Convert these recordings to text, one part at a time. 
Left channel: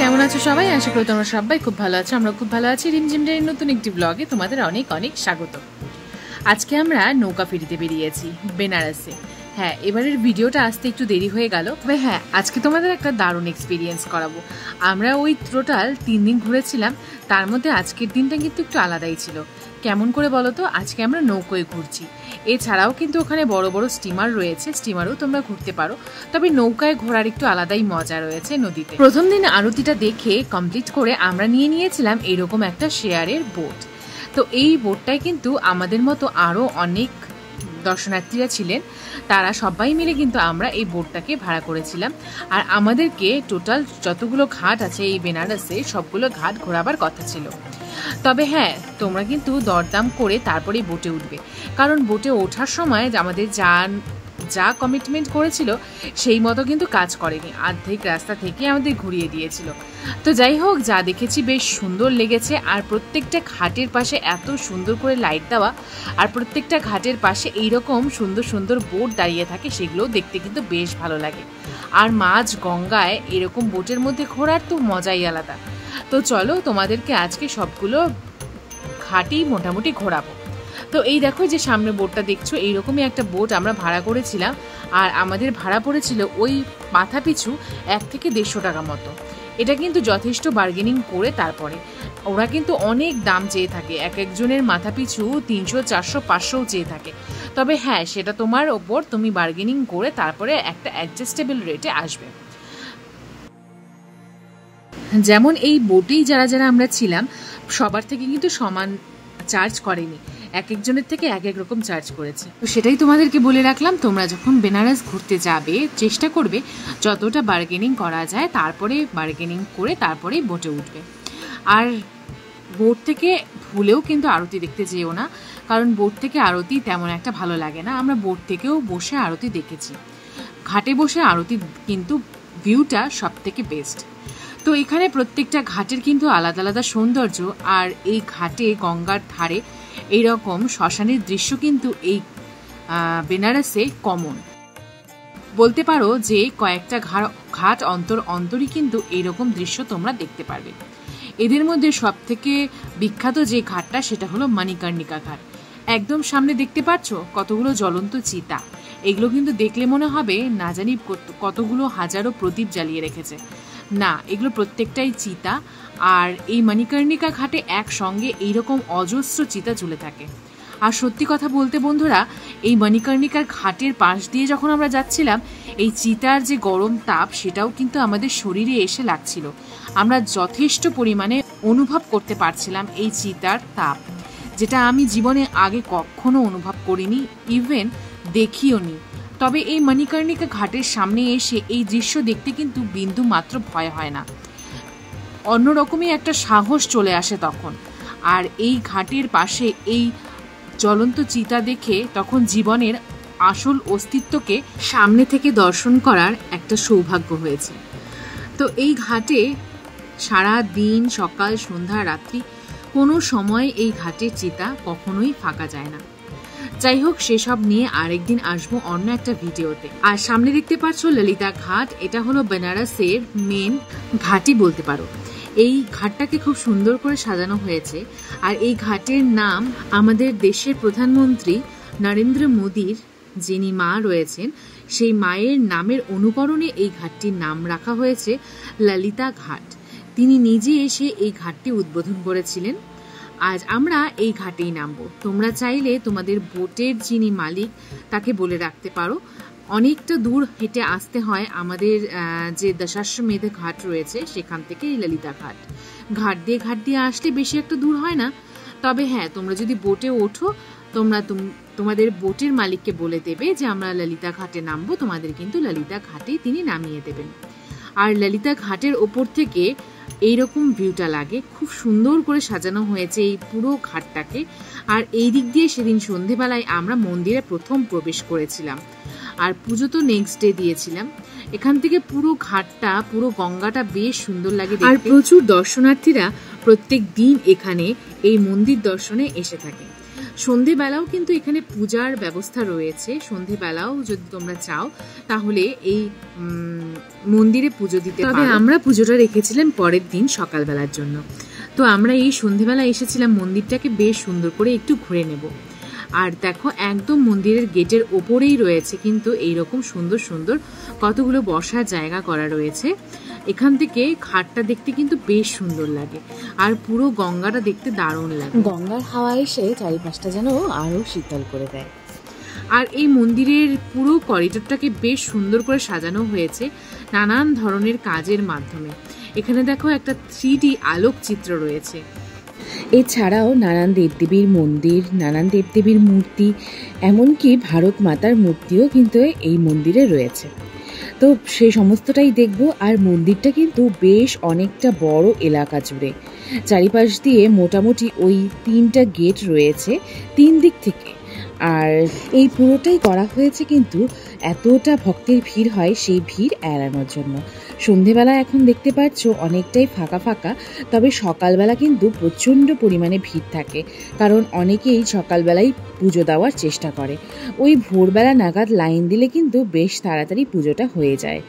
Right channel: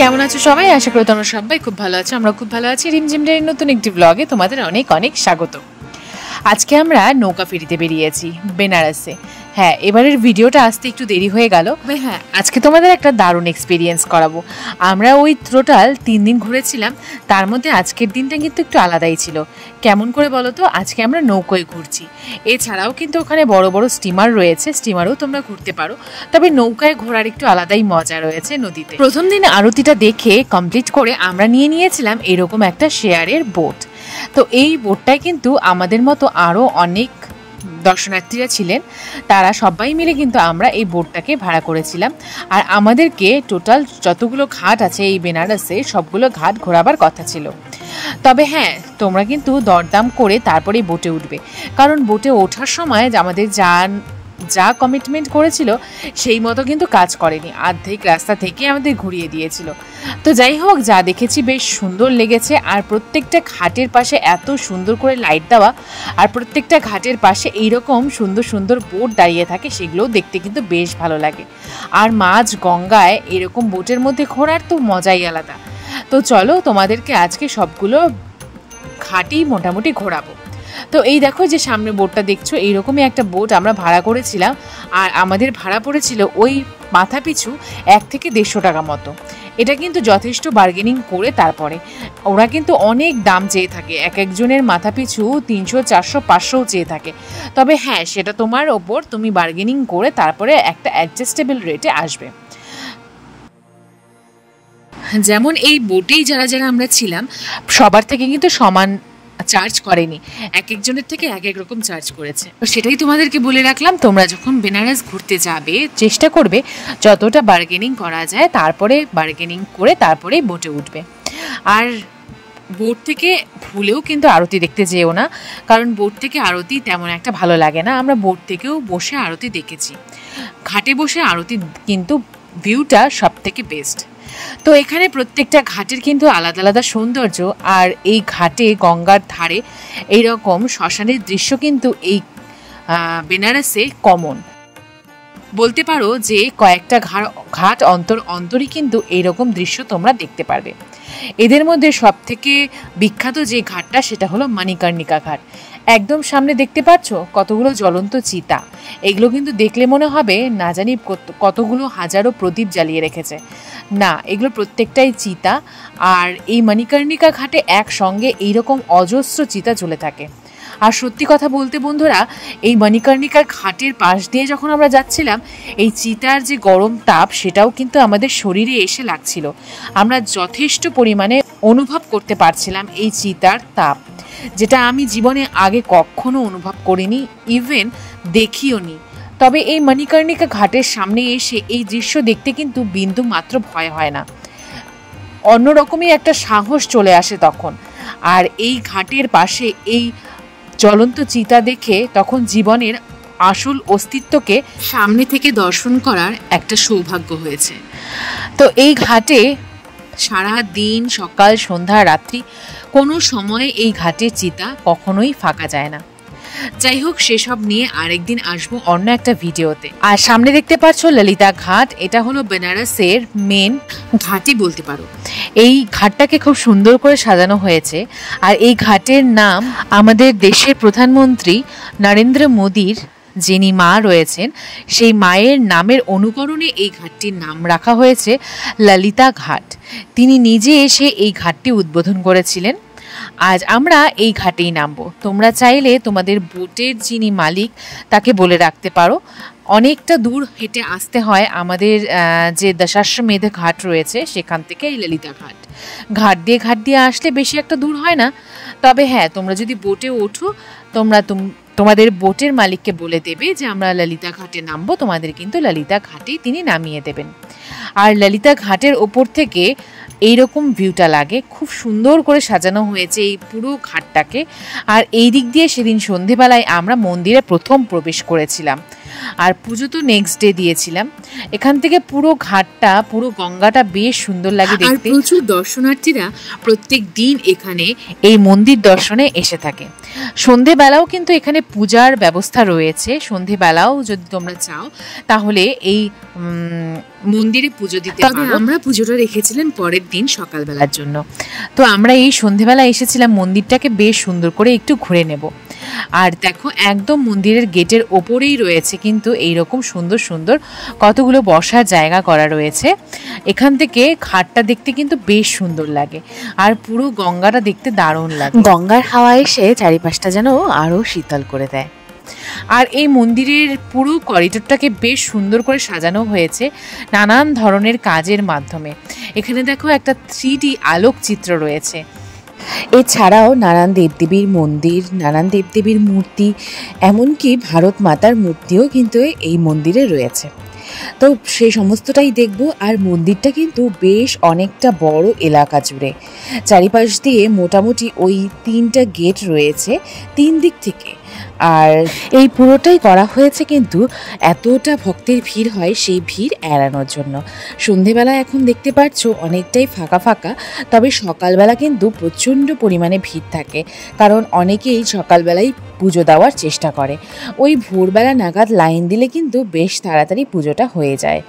কেমন আছো সবাই? আশা করি তোমরা সবাই খুব ভালো আছো। আমরা খুব ভালো আছি। রিমঝিম ডের নতুন একটি ব্লগে তোমাদের অনেক অনেক স্বাগত। আজকে আমরা নৌকা ফেরিতে বেরিয়েছি বেনারসে। হ্যাঁ, এবারের ভিডিওটা আসতে একটু দেরি হয়ে গেল, তবে হ্যাঁ আজকে তোমাদের একটা দারুণ এক্সপিরিয়েন্স করাবো। আমরা ওই টোটাল 3 দিন ঘুরেছিলাম, তার মধ্যে আজকের দিনটা কিন্তু একটু আলাদাই ছিল। কেমন করে বলো তো? আজকে আমরা নৌকোয় ঘুরছি। এছাড়াও কিন্তু ওখানে বড় বড় স্টিমার রয়েছে, স্টিমারও তোমরা ঘুরতে পারো, তবে নৌকায় ঘোরার একটু আলাদাই মজা রয়েছে নদীতে। প্রথম দিন আরতিটা দেখে কমপ্লিট করে আমরা নিয়েছিলাম এরকম একটা শেয়ারের বোট। তো এই বোটটায় কিন্তু আমাদের মতো আরও অনেক দর্শনার্থীরা ছিলেন, তারা সবাই মিলে কিন্তু আমরা এই বোটটাকে ভাড়া করেছিলাম। আর আমাদেরকে টোটাল যতগুলো ঘাট আছে এই বেনারসে সবগুলো ঘাট ঘোরাবার কথা ছিল। তবে হ্যাঁ, তোমরা কিন্তু দরদাম করে তারপরে বোটে উঠবে, কারণ বোটে ওঠার সময় আমাদের যা কমিটমেন্ট করেছিল সেই মতো কিন্তু কাজ করেনি, অর্ধেক রাস্তা থেকে আমাদের ঘুরিয়ে দিয়েছিল। তো যাই হোক, যা দেখেছি বেশ সুন্দর লেগেছে। আর প্রত্যেকটা ঘাটের পাশে এত সুন্দর করে লাইট দেওয়া, আর প্রত্যেকটা ঘাটের পাশে এইরকম সুন্দর সুন্দর বোট দাঁড়িয়ে থাকে, সেগুলোও দেখতে কিন্তু বেশ ভালো লাগে। আর মাঝ গঙ্গায় এরকম বোটের মধ্যে ঘোরার তো মজাই আলাদা। তো চলো, তোমাদেরকে আজকে সবগুলো ঘাটই মোটামুটি ঘোরাবো। তো এই দেখো যে সামনে বোটটা দেখছো, এইরকমই একটা বোট আমরা ভাড়া করেছিলাম। আর আমাদের ভাড়া পড়েছিল ওই মাথা পিছু 1 থেকে 150 টাকা মতো। এটা কিন্তু যথেষ্ট বার্গেনিং করে তারপরে, ওরা কিন্তু অনেক দাম চেয়ে থাকে, এক একজনের মাথা পিছু 300, 400, 500 চেয়ে থাকে। তবে হ্যাঁ, সেটা তোমার ওপর, তুমি বার্গেনিং করে তারপরে একটা অ্যাডজাস্টেবল রেটে আসবে। যেমন এই বোটেই যারা যারা আমরা ছিলাম সবার থেকে কিন্তু সমান চার্জ করেনি, এক একজনের থেকে এক এক রকম চার্জ করেছে। সেটাই তোমাদেরকে বলে রাখলাম, তোমরা যখন বেনারস ঘুরতে যাবে চেষ্টা করবে যতটা বার্গেনিং করা যায়, তারপরে বার্গেনিং করে তারপরে বোটে উঠবে। আর বোট থেকে ভুলেও কিন্তু আরতি দেখতে যেও না, কারণ বোট থেকে আরতি তেমন একটা ভালো লাগে না। আমরা বোট থেকেও বসে আরতি দেখেছি, ঘাটে বসে আরতি কিন্তু ভিউটা সব থেকে বেস্ট। তো এখানে প্রত্যেকটা ঘাটের কিন্তু আলাদা আলাদা সৌন্দর্য। আর এই ঘাটে গঙ্গার ধারে এইরকম শ্মশানের দৃশ্য কিন্তু এই বেনারসে কমন বলতে পারো, যে কয়েকটা ঘাট অন্তরই কিন্তু এইরকম দৃশ্য তোমরা দেখতে পারবে। এদের মধ্যে সব থেকে বিখ্যাত যে ঘাটটা সেটা হলো মণিকর্ণিকা ঘাট। একদম সামনে দেখতে পাচ্ছ কতগুলো জ্বলন্ত চিতা, এগুলো কিন্তু দেখলে মনে হবে না জানি কতগুলো হাজারো প্রদীপ জ্বালিয়ে রেখেছে। না, এগুলো প্রত্যেকটাই চিতা। আর এই মণিকর্ণিকা ঘাটে একসঙ্গে এইরকম অজস্র চিতা জ্বলে থাকে। আর সত্যি কথা বলতে বন্ধুরা, এই মণিকর্ণিকার ঘাটের পাশ দিয়ে যখন আমরা যাচ্ছিলাম, এই চিতার যে গরম তাপ সেটাও কিন্তু আমাদের শরীরে এসে লাগছিল। আমরা যথেষ্ট পরিমাণে অনুভব করতে পারছিলাম এই চিতার তাপ, যেটা আমি জীবনে আগে কখনো অনুভব করিনি, ইভেন দেখিও নি। তবে এই মণিকর্ণিকা ঘাটের সামনে এসে এই দৃশ্য দেখতে কিন্তু বিন্দু মাত্র ভয় হয় না, অন্যরকমই একটা সাহস চলে আসে তখন। আর এই ঘাটের পাশে এই জ্বলন্ত চিতা দেখে তখন জীবনের আসল অস্তিত্বকে সামনে থেকে দর্শন করার একটা সৌভাগ্য হয়েছে। তো এই ঘাটে সারা দিন, সকাল, সন্ধ্যা, রাত্রি কোনো সময় এই ঘাটের চিতা কখনোই ফাঁকা যায় না। যাই হোক, সেসব নিয়ে আরেকদিন আসবো অন্য একটা ভিডিওতে। আর সামনে দেখতে পাচ্ছ ললিতা ঘাট, এটা হলো বেনারসের মেন ঘাটই বলতে পারো। এই ঘাটটাকে খুব সুন্দর করে সাজানো হয়েছে। আর এই ঘাটের নাম আমাদের দেশের প্রধানমন্ত্রী নরেন্দ্র মোদীর যিনি মা রয়েছেন, সেই মায়ের নামের অনুকরণে এই ঘাটটির নাম রাখা হয়েছে ললিতা ঘাট। তিনি নিজে এসে এই ঘাটটি উদ্বোধন করেছিলেন। আজ আমরা এই ঘাটেই নামবো। তোমরা চাইলে তোমাদের বোটের যিনি মালিক তাকে বলে রাখতে পারো। অনেকটা দূর হেঁটে আসতে হয় আমাদের যে দশাশ্বমেধ ঘাট রয়েছে সেখান থেকে এই ললিতা ঘাট দিয়ে আসলে বেশি একটা দূর হয় না। তবে হ্যাঁ, তোমরা যদি বোটে ওঠো, তোমাদের বোটের মালিককে বলে দেবে যে আমরা ললিতা ঘাটে নামবো, তোমাদের কিন্তু ললিতা ঘাটেই তিনি নামিয়ে দেবেন। আর ললিতা ঘাটের ওপর থেকে এইরকম ভিউটা লাগে, খুব সুন্দর করে সাজানো হয়েছে এই পুরো ঘাটটাকে। আর এই দিক দিয়ে সেদিন সন্ধেবেলায় আমরা মন্দিরে প্রথম প্রবেশ করেছিলাম, আর পুজো তো নেক্সট ডে দিয়েছিলাম। এখান থেকে পুরো ঘাটটা, পুরো গঙ্গাটা বেশ সুন্দর লাগে দেখতে। আর প্রচুর দর্শনার্থীরা প্রত্যেক দিন এখানে এই মন্দির দর্শনে এসে থাকে। সন্ধেবেলাও কিন্তু এখানে পূজার ব্যবস্থা রয়েছে। সন্ধেবেলাও যদি তোমরা চাও তাহলে এই মন্দিরে পুজো দিতে পারো। তবে আমরা পুজোটা রেখেছিলাম পরের দিন সকালবেলার জন্য। তো আমরা এই সন্ধেবেলা এসেছিলাম মন্দিরটাকে বেশ সুন্দর করে একটু ঘুরে নেব। আর দেখো একদম মন্দিরের গেটের ওপরেই রয়েছে কিন্তু এইরকম সুন্দর সুন্দর কতগুলো বসার জায়গা করা রয়েছে। এখান থেকে ঘাটটা দেখতে কিন্তু বেশ সুন্দর লাগে আর পুরো গঙ্গাটা দেখতে দারুণ লাগে। গঙ্গার হাওয়া এসে চারিপাশটা যেন আরও শীতল করে দেয়। আর এই মন্দিরের পুরো করিডোরটাকে বেশ সুন্দর করে সাজানো হয়েছে নানান ধরনের কাজের মাধ্যমে। এখানে দেখো একটা 3D আলোকচিত্র রয়েছে। এছাড়াও নানান দেবদেবীর মন্দির, নানান দেবদেবীর মূর্তি, এমনকি ভারত মাতার মূর্তিও কিন্তু এই মন্দিরে রয়েছে। তো সেই সমস্তটাই দেখব। আর মন্দিরটা কিন্তু বেশ অনেকটা বড় এলাকা জুড়ে, চারিপাশ দিয়ে মোটামুটি ওই 3টা গেট রয়েছে 3 দিক থেকে। আর এই পুরোটাই করা হয়েছে কিন্তু এতটা ভক্তের ভিড় হয় সেই ভিড় এড়ানোর জন্য। সন্ধেবেলা এখন দেখতে পাচ্ছ অনেকটাই ফাঁকা ফাঁকা, তবে সকালবেলা কিন্তু প্রচণ্ড পরিমাণে ভিড় থাকে, কারণ অনেকেই সকালবেলাই পুজো দেওয়ার চেষ্টা করে। ওই ভোরবেলা নাগাদ লাইন দিলে কিন্তু বেশ তাড়াতাড়ি পুজোটা হয়ে যায়।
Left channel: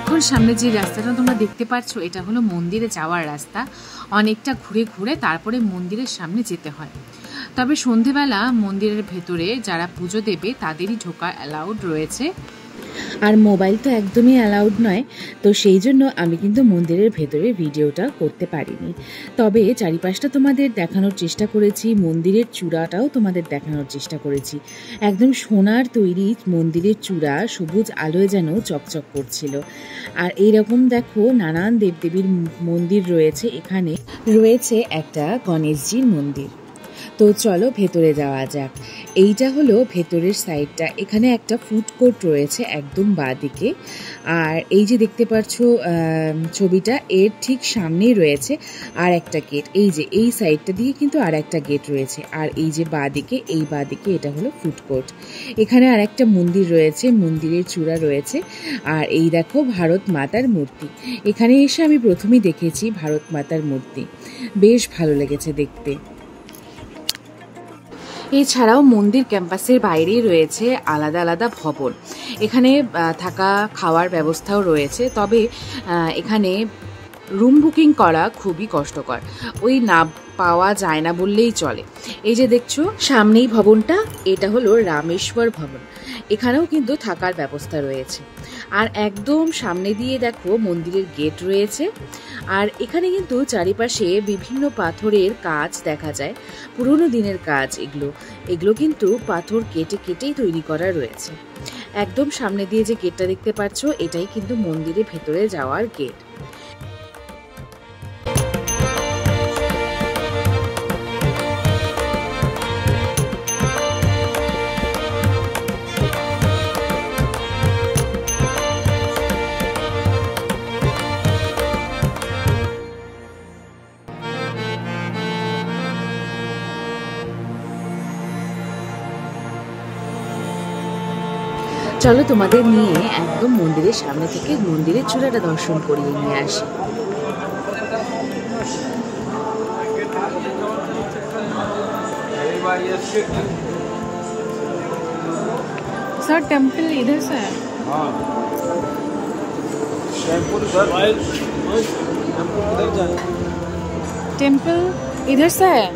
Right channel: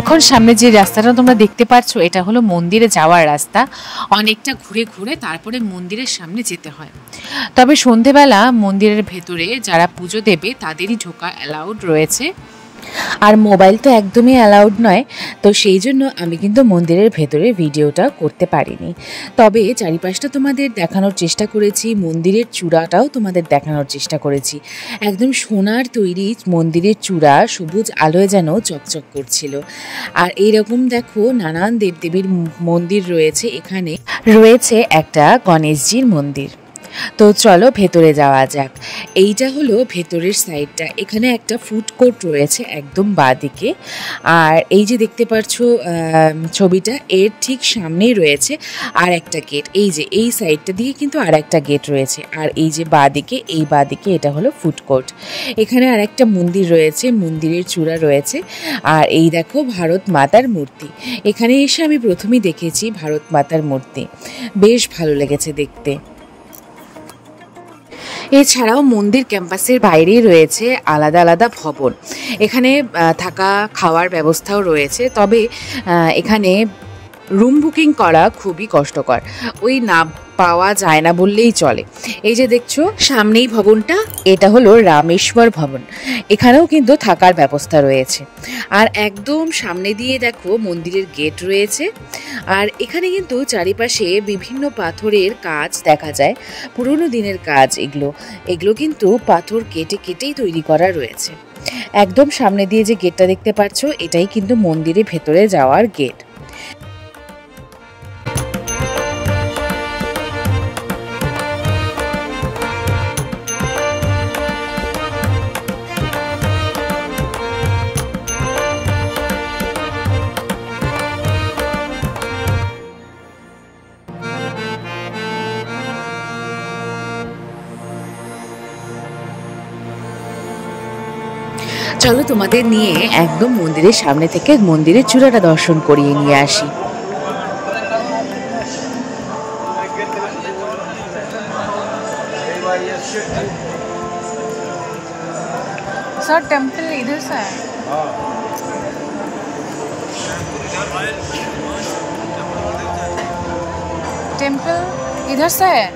এখন সামনে যে রাস্তাটা তোমরা দেখতে পাচ্ছ এটা হলো মন্দিরে যাওয়ার রাস্তা। অনেকটা ঘুরে ঘুরে তারপরে মন্দিরের সামনে যেতে হয়। তবে সন্ধেবেলা মন্দিরের ভেতরে যারা পুজো দেবে তাদেরই ঢোকা অ্যালাউড রয়েছে, আর মোবাইল তো একদমই অ্যালাউড নয়। তো সেই জন্য আমি কিন্তু মন্দিরের ভেতরে ভিডিওটা করতে পারিনি, তবে চারিপাশটা তোমাদের দেখানোর চেষ্টা করেছি, মন্দিরের চূড়াটাও তোমাদের দেখানোর চেষ্টা করেছি। একদম সোনার তৈরি মন্দিরের চূড়া সবুজ আলোয় যেন চকচক করছিল। আর এইরকম দেখো নানান দেবদেবীর মন্দির রয়েছে। এখানে রয়েছে একটা গণেশজির মন্দির। তো চলো ভেতরে যাওয়া যাক। এইটা হলো ভেতরের সাইডটা। এখানে একটা ফুড কোর্ট রয়েছে একদম বাঁদিকে। আর এই যে দেখতে পাচ্ছ ছবিটা, এর ঠিক সামনেই রয়েছে আর একটা গেট। এই যে এই সাইডটা দিয়ে কিন্তু আর একটা গেট রয়েছে। আর এই যে বাঁদিকে, এই বাঁদিকে এটা হলো ফুড কোর্ট। এখানে আর একটা মন্দির রয়েছে, মন্দিরের চূড়া রয়েছে। আর এই দেখো ভারত মাতার মূর্তি। এখানে এসে আমি প্রথমেই দেখেছি ভারত মাতার মূর্তি, বেশ ভালো লেগেছে দেখতে। এছাড়াও মন্দির ক্যাম্পাসের বাইরেই রয়েছে আলাদা আলাদা ভবন। এখানে থাকা খাওয়ার ব্যবস্থাও রয়েছে, তবে এখানে রুম বুকিং করা খুবই কষ্টকর, ওই না পাওয়া যায় না বললেই চলে। এই যে দেখছো সামনেই ভবনটা, এটা হলো রামেশ্বর ভবন। এখানেও কিন্তু থাকার ব্যবস্থা রয়েছে। আর একদম সামনে দিয়ে দেখো মন্দিরের গেট রয়েছে। আর এখানে কিন্তু চারিপাশে বিভিন্ন পাথরের কাজ দেখা যায়, পুরনো দিনের কাজ এগুলো কিন্তু পাথর কেটে কেটেই তৈরি করা রয়েছে। একদম সামনে দিয়ে যে গেটটা দেখতে পাচ্ছ এটাই কিন্তু মন্দিরের ভেতরে যাওয়ার গেট। চলো তোমাদের নিয়ে একদম মন্দিরের সামনে থেকে মন্দিরের চূড়াটা দর্শন করিয়ে নিয়ে আসি। सर टेम्पल इधर से है। टेम्पल इधर से है।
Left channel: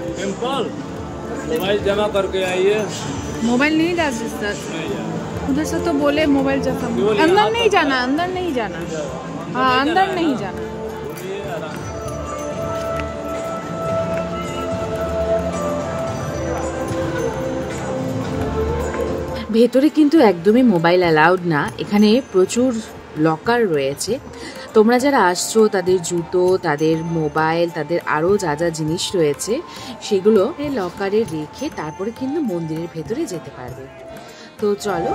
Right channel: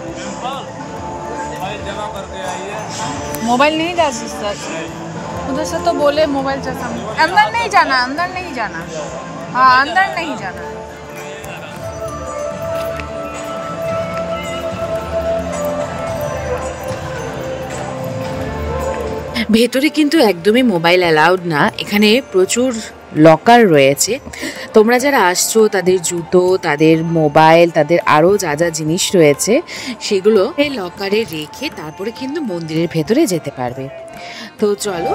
मोबाइल जमा करके आइए। मोबाइल नहीं जा सकता उधर से, तो बोले मोबाइल जैसा। अंदर नहीं जाना, अंदर नहीं जाना। हाँ अंदर नहीं जाना। ভেতরে কিন্তু একদমই মোবাইল অ্যালাউড না। এখানে প্রচুর লকার রয়েছে। তোমরা যারা আসছো তাদের জুতো, তাদের মোবাইল, তাদের আরও যা যা জিনিস রয়েছে সেগুলো এই লকারে রেখে তারপরে কিন্তু মন্দিরের ভেতরে যেতে পারবে। তো চলো।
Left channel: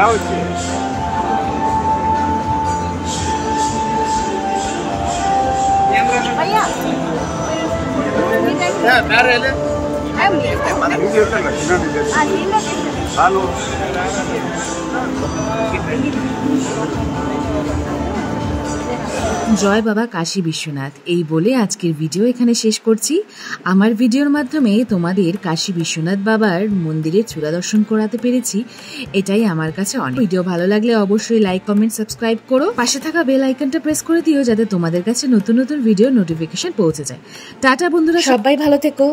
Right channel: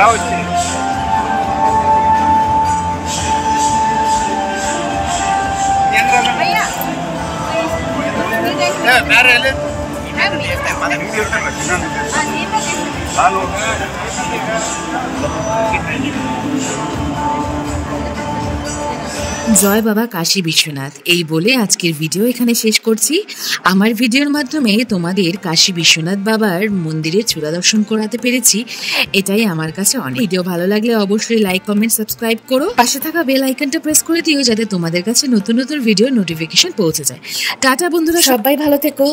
రావచ్చు জয় বাবা কাশী বিশ্বনাথ এই বলে আজকের ভিডিও এখানে শেষ করছি। আমার ভিডিওর মাধ্যমে তোমাদের কাশী বিশ্বনাথ বাবার মন্দিরের চূড়া দর্শন করাতে পেরেছি, এটাই আমার কাছে অনেক। ভিডিও ভালো লাগলে অবশ্যই লাইক কমেন্ট সাবস্ক্রাইব করো, পাশে থাকা বেল আইকনটা প্রেস করে দিও যাতে তোমাদের কাছে নতুন নতুন ভিডিও নোটিফিকেশন পৌঁছে যায়। টাটা বন্ধুরা, সবাই ভালো থেকো।